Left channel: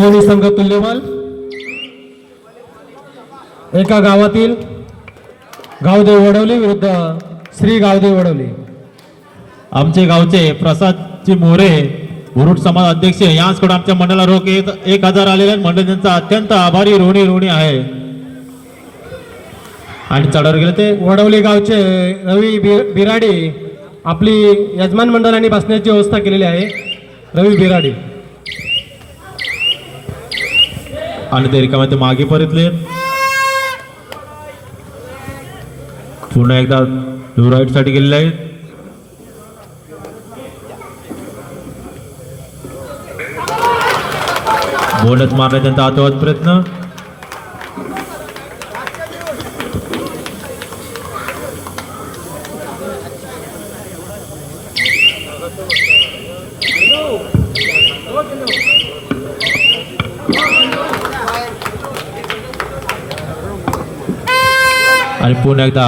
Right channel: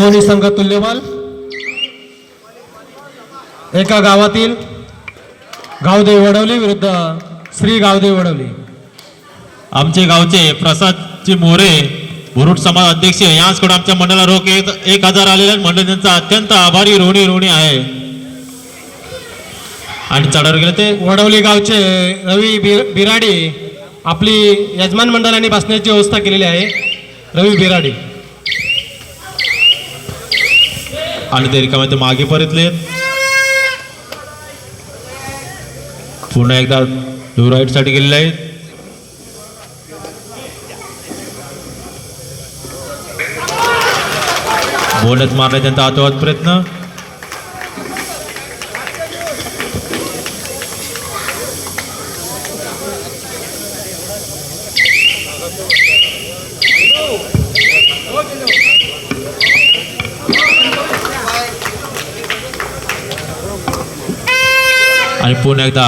दोन्ही संघ तुल्यबल। एका गावातील गावदेव वडवली विरुद्ध श्री गावदेव वडवली। आमचे गावचे प्रसादजी मोरे बुरुड समाज अध्यक्ष यांच्याकडून आमच्या मंडळाला रोख 1000 आलेल्या मंडळ त्यांचा अत्यंत आभारी ऋणी आहे। आणि चढावर गेले ते वडवली गावचे रवी बिराडी आपली यजमान मंडळाने बसण्याची व्यवस्था केलेली आहे। रवी बिराडी आणि ते रिकामे ते मागे परतले। पुन्हा एकदा राईट साठी गेलेले आहेत। बोनस मारला त्यांचा आतोहात प्रयत्न। आणि पुन्हा एकदा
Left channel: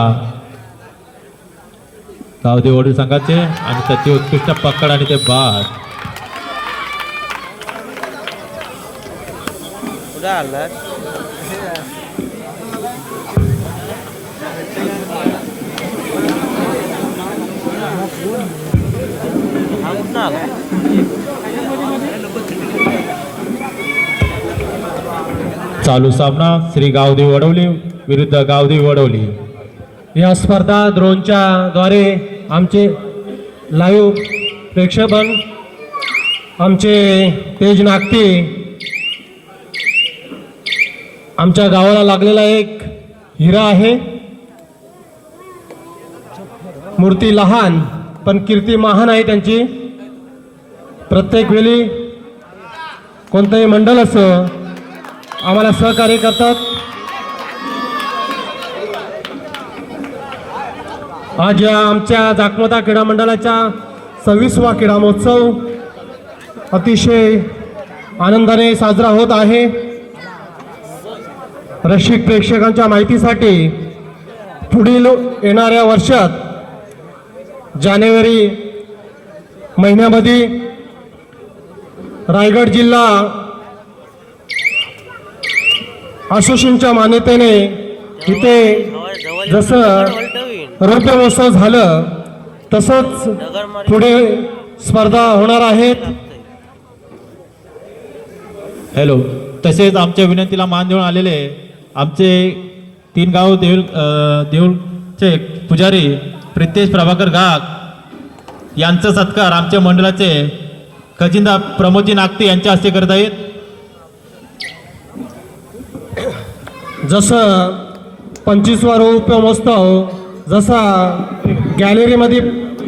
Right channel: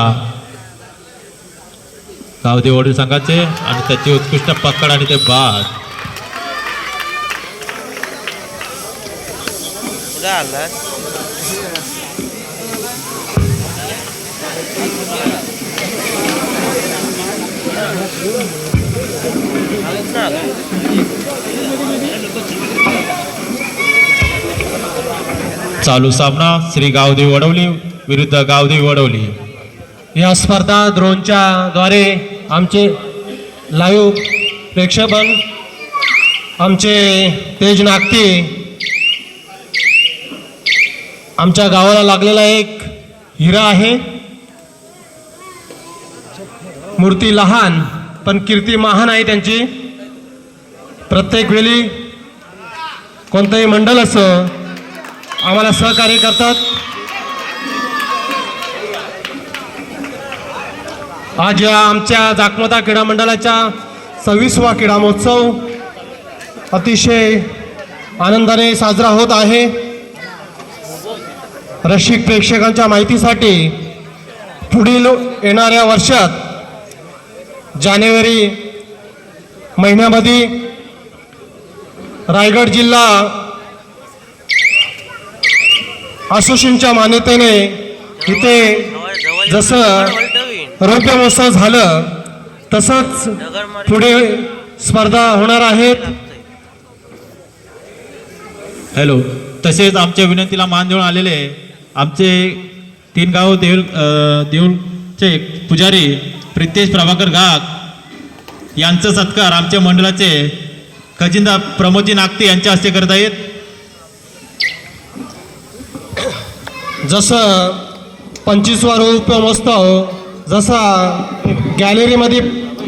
गावदेव वडील संघाचे आणि त्याची उत्कृष्ट पकड आणि ते बाद। चालू सामना श्री गावदेव वडवली विरुद्ध गावदेव वडवली। या स्पर्धा ड्रोनच्या द्वारे आमचे लाईव्ह प्रेक्षेपण आमचे तेज नागती आमच्या गावाला लागलेला एक हिरा आहे। मूर्ती लहान पण कीर्ती महान आहे त्यांची। प्रत्येक वेळी कोणतंही मंडळ असो आम्हाला सहकार्य करतात। आज या आमच्या जाखमता क्रीडा मंडळाच्या 26वा क्रीडा महोत्सव अतिशय आनंदाने साजरा होत आहे। रसिक प्रेक्षकांच्या माहितीसाठी पुढील येणाऱ्या वर्षात जानेवारी महिन्यामध्ये रायगड जिल्हा असोसिएशनच्या मान्यतेने इथे जसं रौप्य महोत्सव झालं तसंच पुढे स्पर्धा होणार आहेत। हॅलो, तसेच आमच्या विनंतीला मान देऊन आलेले आमचे 3 गाव देऊळचे पुजारी प्रितेश प्रभाकर गाग यांचा सत्कार आमच्या मंडळाचे खजिनदार प्रमोदजी नागती यांच्या हस्ते करत आहेत। जसं 25वा रौप्य महोत्सव जसा गॅलरीमध्ये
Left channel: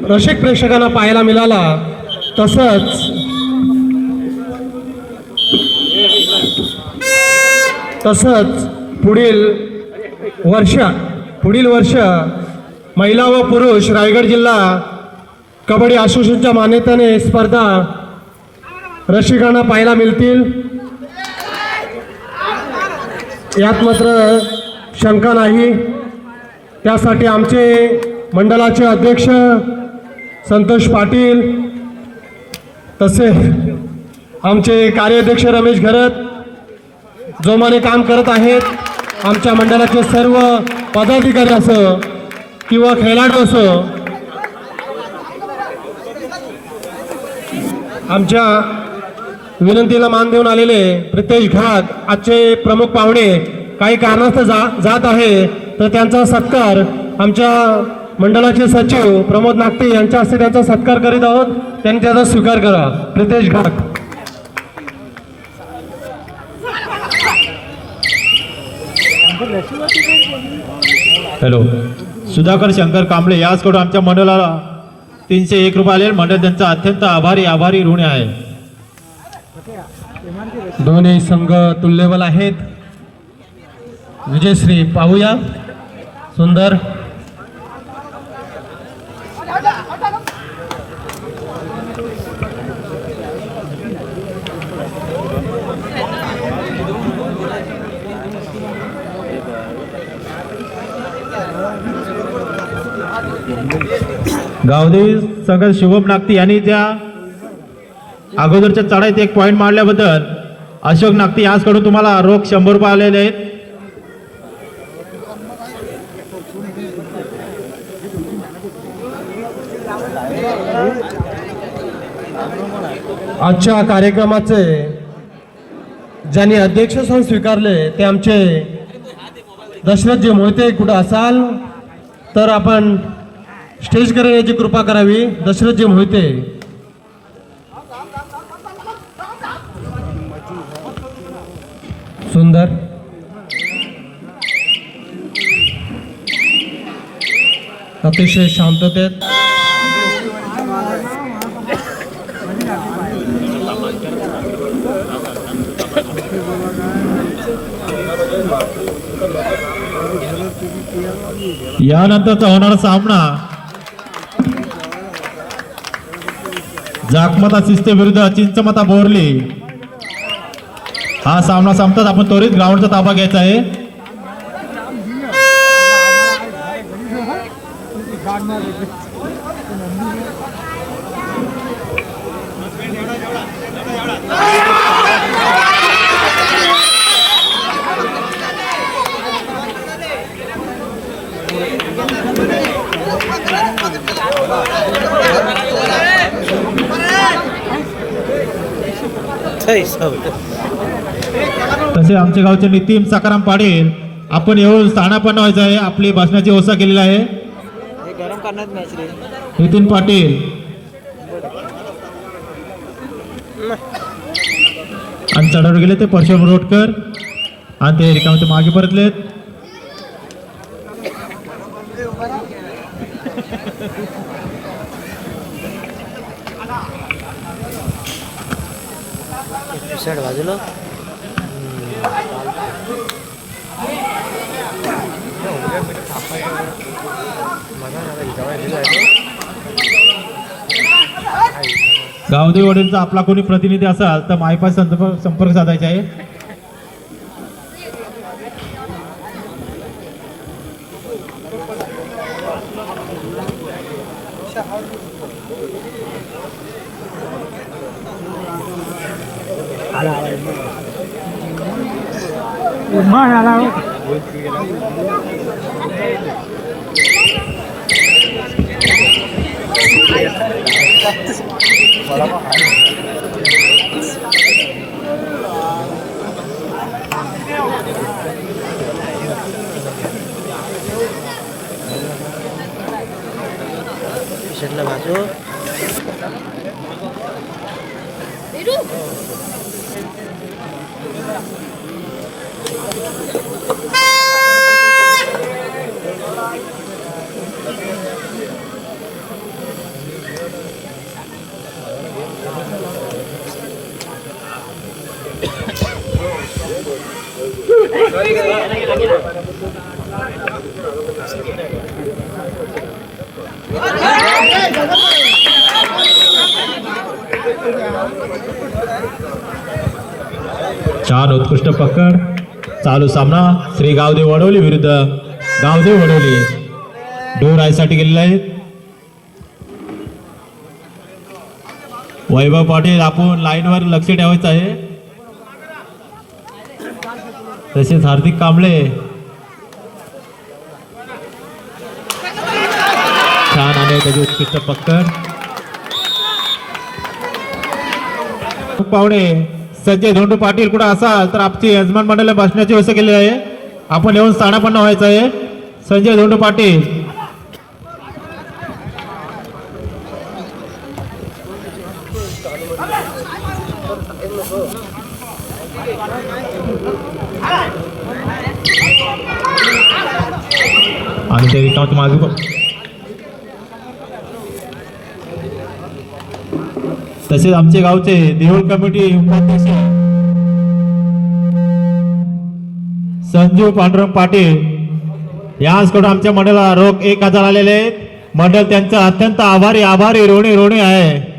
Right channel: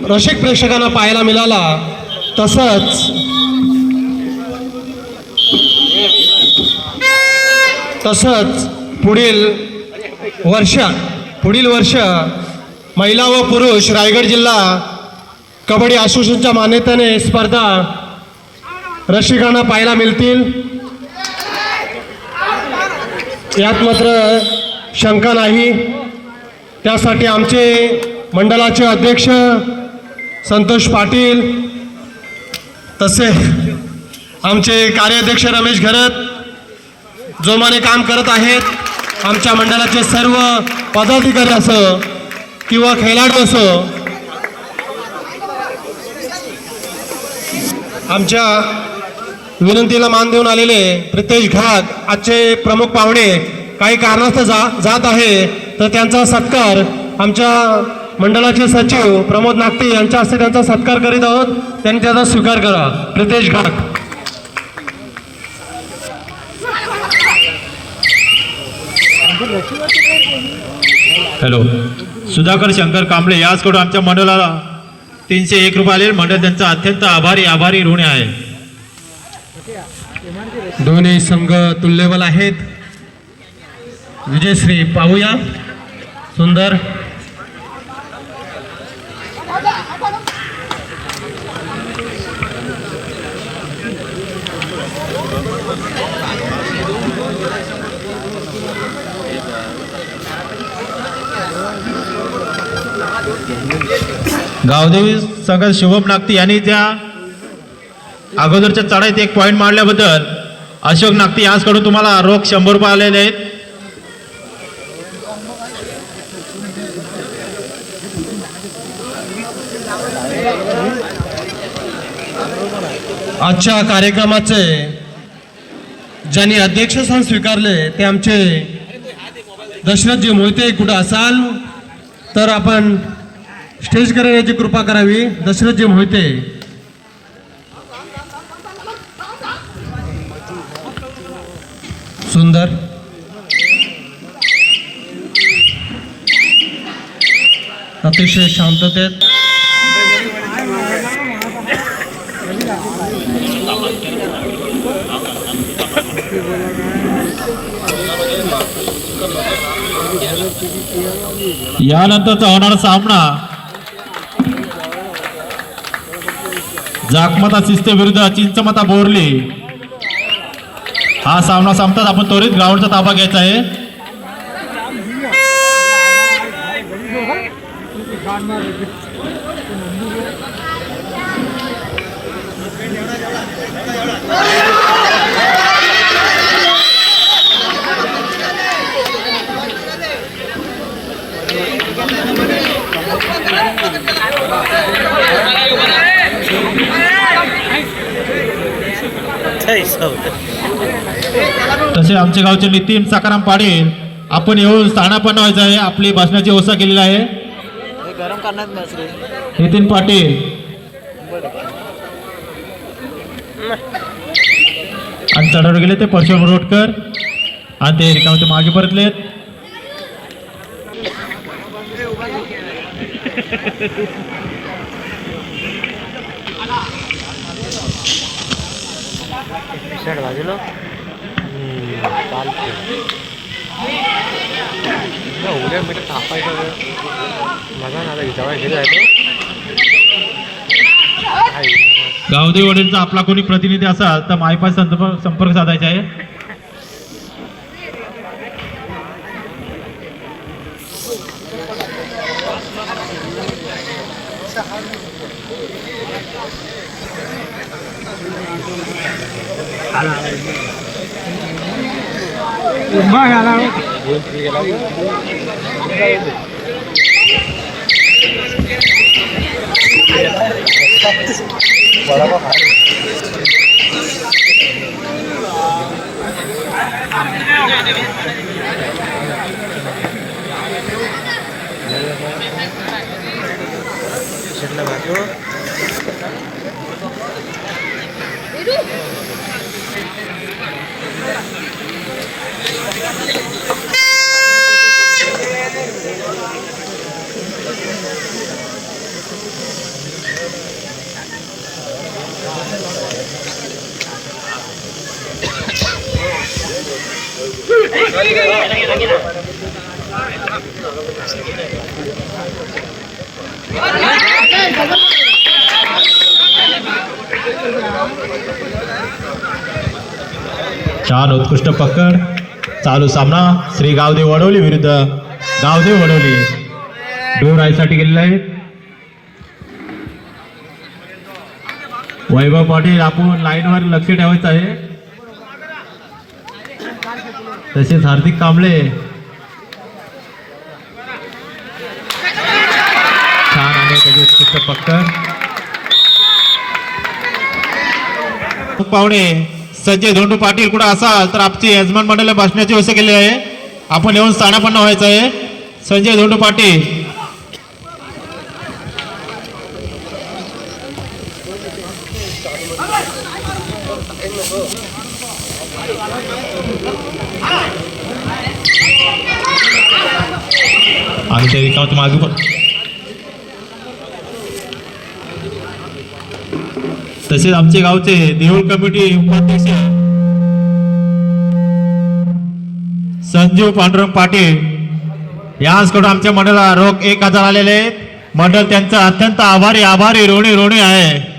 रसिक प्रेक्षकांना पाहायला मिळाला तसंच पुढील वर्ष महिला व पुरुष रायगड जिल्हा कबड्डी असोसिएशनच्या मान्यतेने स्पर्धा रसिकांना पाहायला मिळतील यात मात्र शंका नाही। त्यासाठी आमचे मंडळाचे अध्यक्ष संतोष पाटील तसे आमचे कार्याध्यक्ष रमेश घरत जोमाने काम करत आहेत। आमच्या मंडळाचे सर्व पदाधिकारी असो किंवा खेळाडू असो आमच्या विनंतीला मान देऊन आलेले प्रितेश घाग आजचे प्रमुख पाहुणे काही कारणास्तव जात आहे तर त्यांचा सत्कार आमच्या मंडळाचे सचिव प्रमोद नागती यांच्या हस्ते त्यांचा सत्कार करीत आहोत। त्यांनी त्याचा स्वीकार करा। प्रितेश घाग हॅलो, सुधाकर शंकर कांबळे याचकडून आमच्या मंडळाला 301 रुपये आले। मंडळ त्यांचा अत्यंत आभारी ऋणी आहे। दोन्ही संघ तुल्यबल आहेत। विजयश्री पाहूया सुंदर गावदेवी संघात शुभम नागती यांनी त्या अगोदरच्या चढाईत 1 पॉईंट मारल्याबद्दल अशोक नागती यांच्याकडून तुम्हाला रोख 100 रुपये आलेले आहेत. आजच्या कार्यक्रमाचे ज्यांनी अध्यक्षस्थान स्वीकारले ते आमचे दशरथजी मोहिते. कुठं असाल तर आपण स्टेज करण्याची कृपा करावी. दशरथजी मोहिते. सुंदर. अतिशय शांततेत यानंतरचा होणारा सामना जाकमता सिस्ते विरुद्ध चिंचमता बोरली. हा सामना संपताच आपण त्वरित ग्राउंडचा ताबा घ्यायचा आहे. तसे आमच्या गावचे नितीन सकाराम पाटील आपण येऊन स्थानापन्न व्हायचं आहे. आपली भाषणाची व्यवस्था केलेली आहे. गरम करण्यात नसले नितीन पाटील आणि चढावर गेले ते परशुराम रोडकर आणि ते रिकामे ते मागे परतलेत. बाजूला उद्या म्हणजे तापायचं बघा ना जवळ गेलं गावदेव वडीलचा आपला कोणी प्रतिनिधी असाल तर मायपास संपर्क साधायचा आहे. छान उत्कृष्ट पकड. चालू सामना श्री गावदेव वडवली विरुद्ध गावदेव वडवली. डोर आयसाठी गेलेला आहे. वैभव पाटील आपण लाईनवर लक्ष ठेवायचं आहे. तसेच हार्दिक कांबळे छान आणि त्याची उत्कृष्ट पकड. पाहुणे संजय धोंडू पाटील कुठं असाल तर आपली यजमान मंडळ भाषणाची व्यवस्था केली आहे. आपण येऊन स्थानापन्न व्हायचं आहे. संजय धोंडू पाटील आणि ते रिकामत मागे पण. तसेच आमचे गावचे देऊळ कमिटी उपाध्यक्ष संजीव पांडुरंग पाटील यांच्याकडून आमच्या मंडळाला रोख 1000 आलेले आहेत. मंडळ त्यांचा अत्यंत आभारी ऋणी आहे.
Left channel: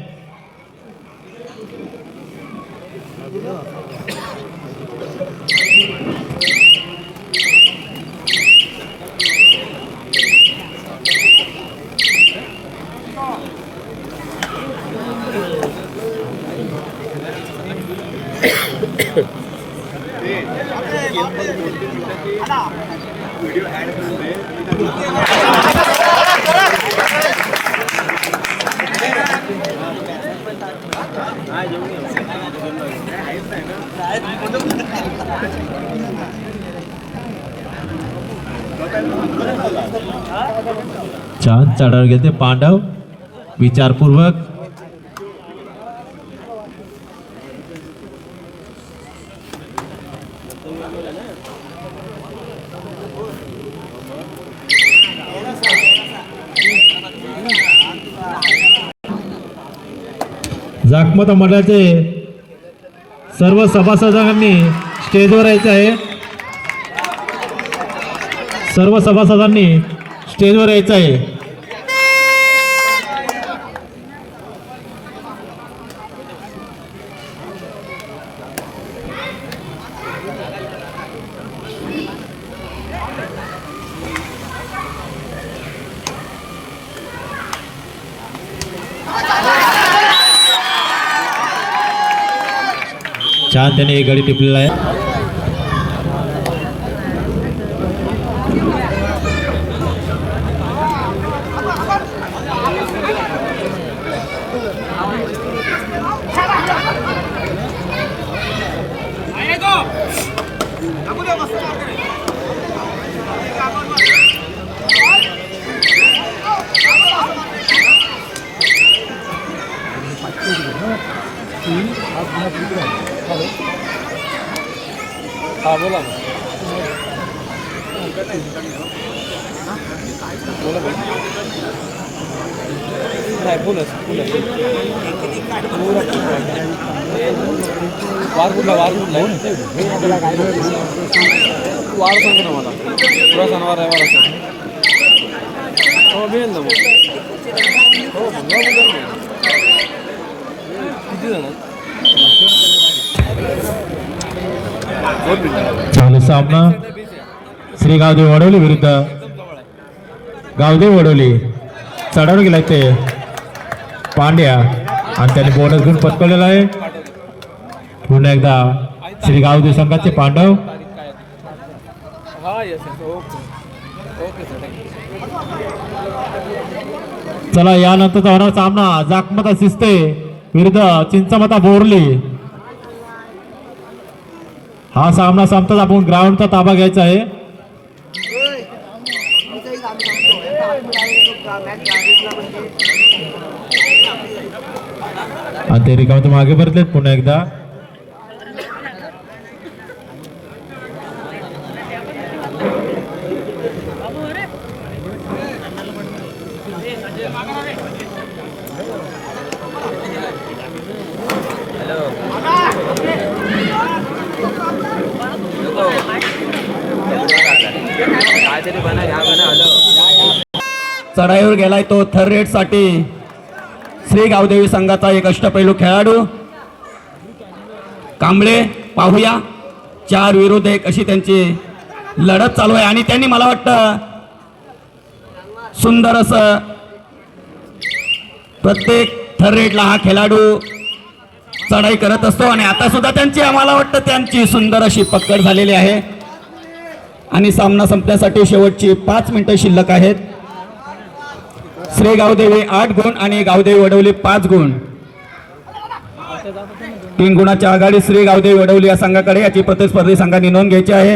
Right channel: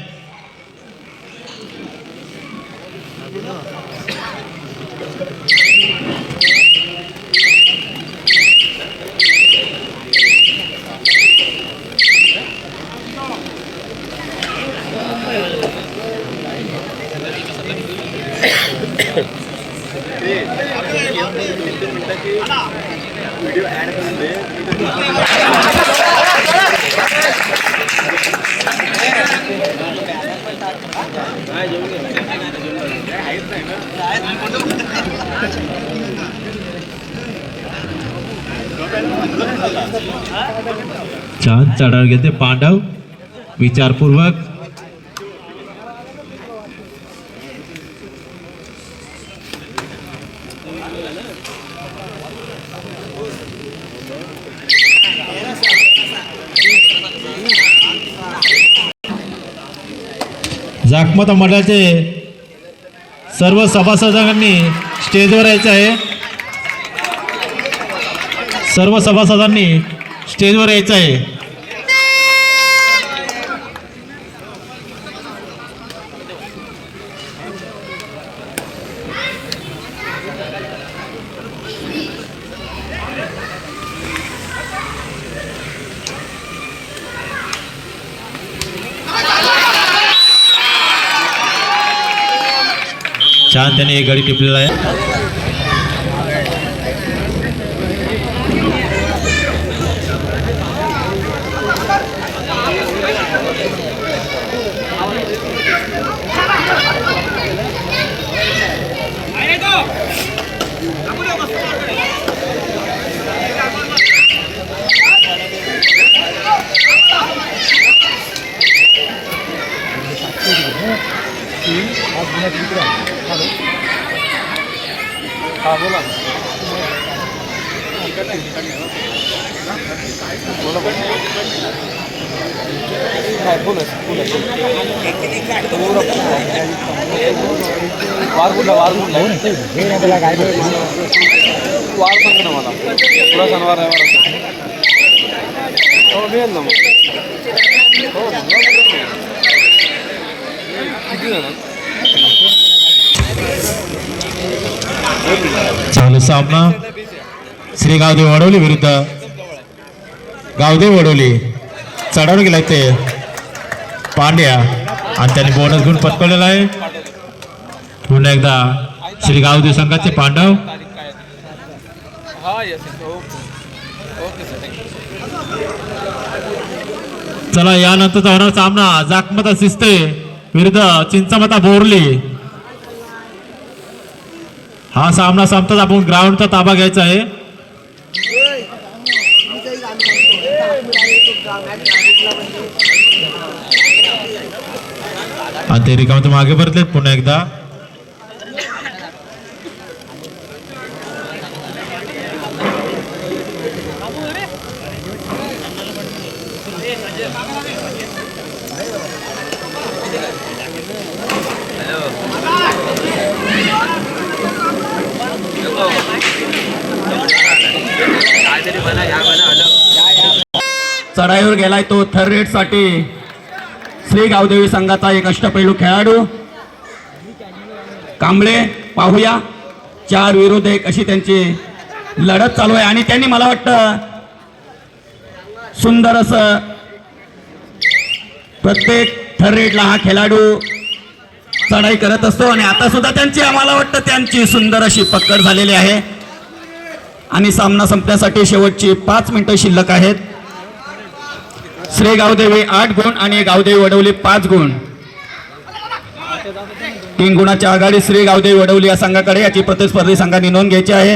छान चढावर घेते पांडव विचारपूर्वक. जाकमत मंडळाचे सर्व सभासदांनी स्टेजवर यायचं आहे. सर्व सभासदांनी स्टेजवर यायचं आहे. छान त्याने एक गडी टिपलेला आहे. हा बोला नाही बोलच वार कुठला वार कुठला काय वार सांग ना मला तुला शनिवार आहे मला हो मिळेल ना मग हो किती जण चालू सामना श्री गावदेव वडवली विरुद्ध गावदेव वडवली. चढावर गेलाय ते पांड्या आणि त्याने बोनस गुण पटकवलेला आहे. पुन्हा एकदा श्री गावदेव संघाचे पांडव. हा येस ओके सर. चला यानंतरचा होणार सामना जाकमता शिस्ते विरुद्ध चिंचमता बोरली. हा सामना संपताच आपण ग्राउंडचा ताबा घ्यायचा आहे. आणि ते रिकाम मागे परतलेत पुन्हा एकदा. चढाईवर गेलाय तो थर्ड रेट साठी श्री गावदेवी संघाचा एक अष्टपैलू खेळाडू कांबळे. पाहूया 4 विरुद्ध 1 अशी त्यांची लढत चालू आहे आणि त्यांनी मला वाटतं सुंदर असं प्रत्येक थर्ड रेटला हा खेळाडू चढाई करत असतो आणि आता सुद्धा त्यांची आम्हाला वाटतं त्यांची सुंदर अशी पकड झालेली आहे आणि सामना संपण्यासाठी शेवटची 5 मिनिटं शिल्लक आहेत. श्री गावदेवी 8 गुण आणि गावदेवी वडवली 5 गुण. 3 गुणाच्या आघाडी श्री गावदेवी वडवली या संघाकडे. याची प्रतिस्पर्धी संघांनी नोंद घ्यायची आहे.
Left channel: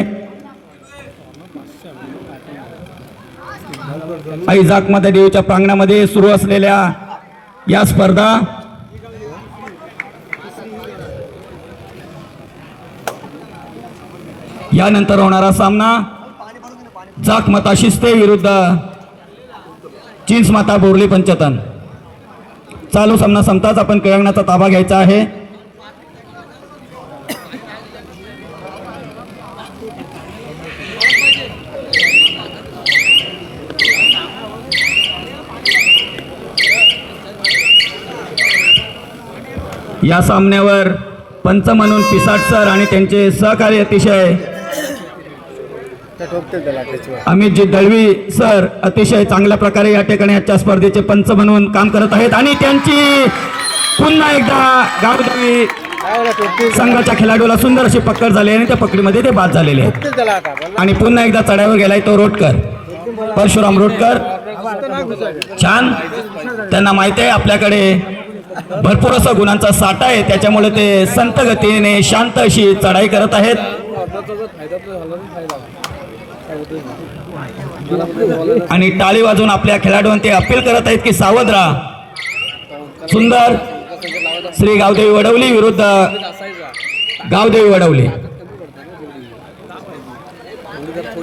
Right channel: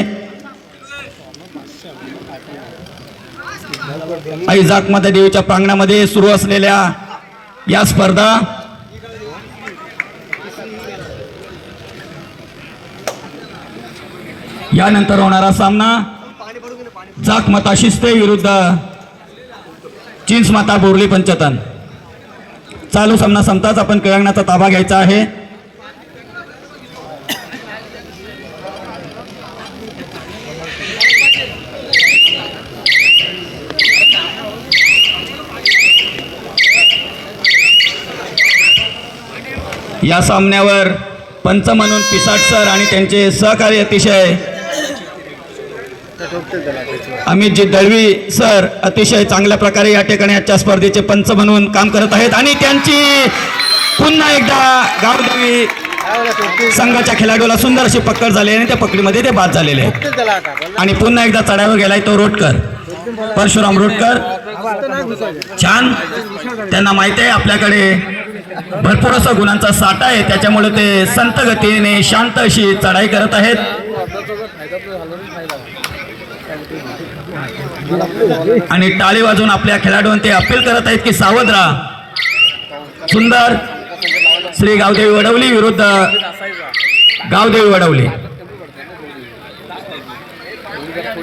आई जाकमाता देवीच्या प्रांगणामध्ये सुरू असलेल्या या स्पर्धा यानंतर होणारा सामना जाकमाता शिस्ते विरुद्ध चिंचमाता बोरली पंचतन. चालू सामना संपताच आपण क्रीडांगणाचा ताबा घ्यायचा आहे. या सामन्यावर पंच म्हणून पिसाट सर आणि त्यांचे सहकारी अतिशय अमितजी दळवी सर अतिशय चांगल्या प्रकारे या ठिकाणी आजच्या स्पर्धेचे पंच म्हणून काम करत आहेत आणि त्यांची पुन्हा एकदा गावदेवी संघाच्या खेळाडूला सुंदर अशी पकड झाली आणि त्या पकडीमध्ये ते बाद झालेले आहेत. आणि पुन्हा एकदा चढावर गेलाय तो रोटकर परशुराम रोटकर. छान त्यांना माहिती आहे आपल्याकडे भरपूर असा गुणांचा साठा आहे त्याच्यामुळे ते संत गतीने शांत अशी चढाई करत आहेत. आणि टाळी वाजवून आपल्या खेळाडूंना ते अपील करत आहेत की सावध राहा. सुंदर श्री गावदेवी वडवली विरुद्ध गावदेवी वडवली.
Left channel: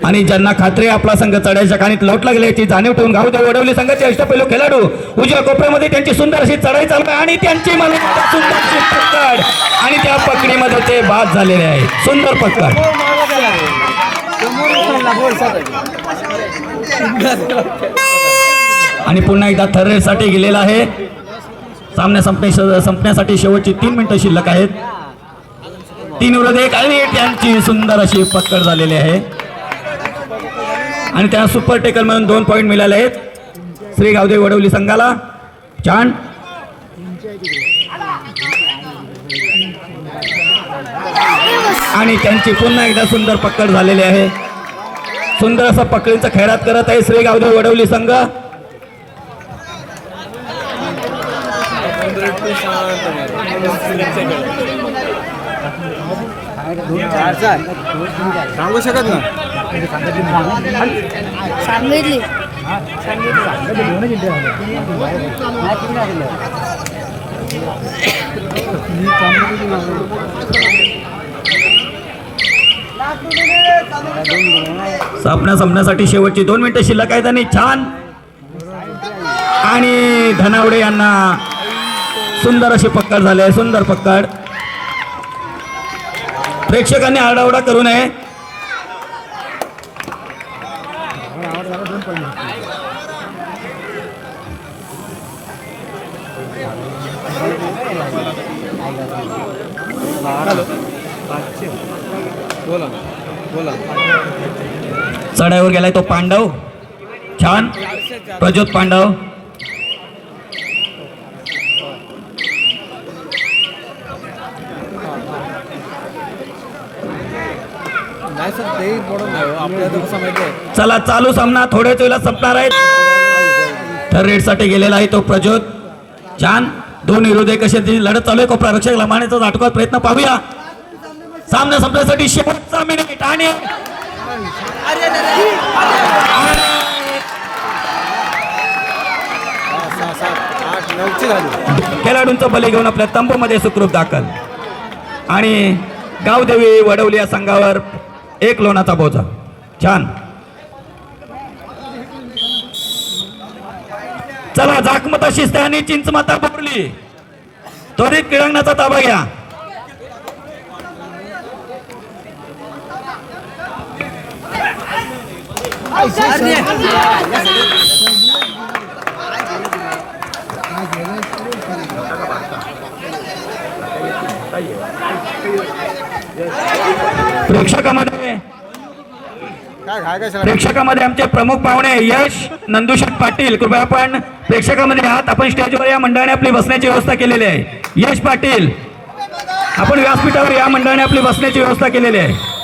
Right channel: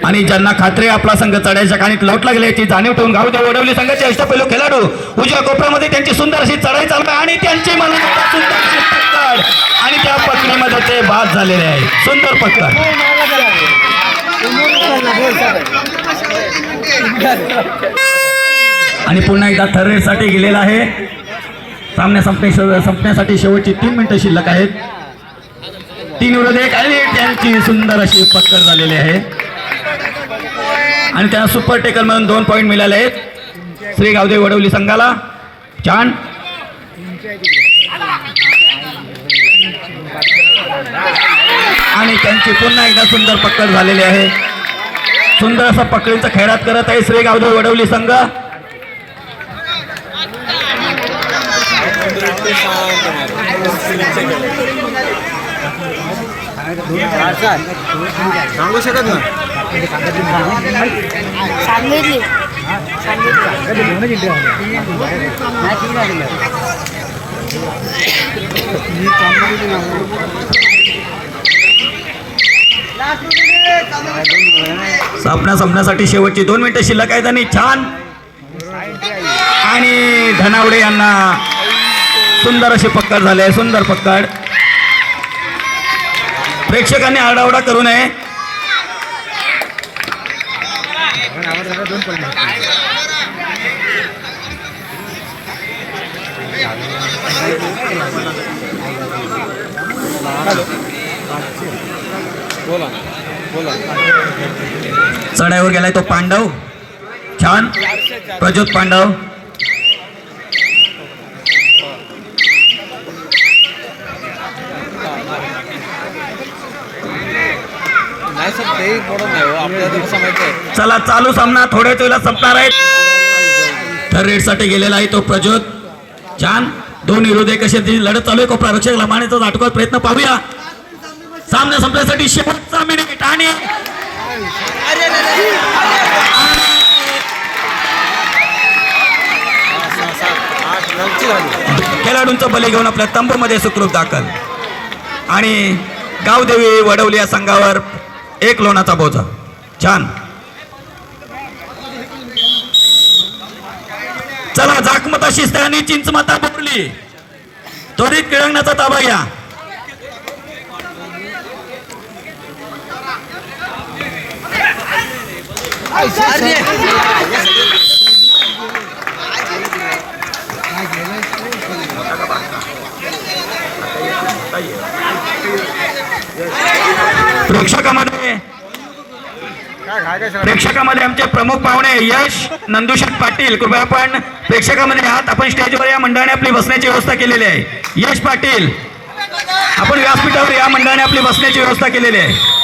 आणि ज्यांना खात्री आहे आपला संघ चढाईच्या खाणीत लोटला गेला याची जाणीव ठेवून गावदेवी वडवली संघाचे अष्टपैलू खेळाडू उजव्या कोपऱ्यामध्ये त्यांची सुंदर अशी चढाई चालू आहे आणि त्यांची मला सुंदर अशी पकड आणि त्या पकडीमध्ये ते बाद झालेले आहे. सुंदर पकड आणि पुन्हा एकदा थर्ड रेडसाठी गेलेला आहे. सामना संपण्यासाठी शेवटची 3 मिनिटं शिल्लक आहेत. 3 विरोधी 1 आणि त्यांची सुंदर अशी पकड झालेली आहे आणि त्या सुपर टेकल मधून 2 पॉईंट मिळाले आहेत श्री गावदेवी वडवली संघाला. छान आणि त्यांची पुन्हा एकदा सुंदर पकड झालेली आहे. सुंदर असा पकडीचा खैरात करत आहे श्री गावदेवी वडवली संघ. सांगू शकत ना सांगितली सामना संपण्यासाठी शेवटची 2 मिनिटं शिल्लक आहेत आणि छान आणि धनावडे यांना सुंदर अशी पकड झाली आहे. सुंदर पकड. प्रेक्षकांनी आरडाओरडा करू नये. चढाईवर गेलाय तो पांडव. छान प्रज्योत पांडव. चला चालू सामना थोड्याच वेळात संपणार आहे. थर्ड रेडसाठी गेलेला आहे तो प्रज्योत. छान 2 विरोधी 1 अशी लढत चालू आहे. कोपरा रक्षक लंबाण्याचा नाटकात प्रयत्न पाहूया. सामना संपण्यासाठी शेवटचा मिनिट आणि खेळाडूंचं बली घेऊन आपल्या तंबूमध्ये सुखरूप दाखल आणि गावदेवी वडवली या संघावर 1 लोणाचा बोजा. छान. चला जाकमता शिस्त आणि चिंचमाता बोरली त्वरित क्रीडांगणाचा ताबा घ्या. प्रेक्षकामध्ये आमचे प्रमुख पाहुणे यश नंदुशेठ पाटील. कृपया आपण प्रेक्षकामध्ये आहात. आपण स्टेजवर या मंडळाने आपली बसण्याची व्यवस्था केलेली आहे. यश पाटील आपण व्यासपीठावर या मंडळाने आपली बसण्याची व्यवस्था केलेली आहे.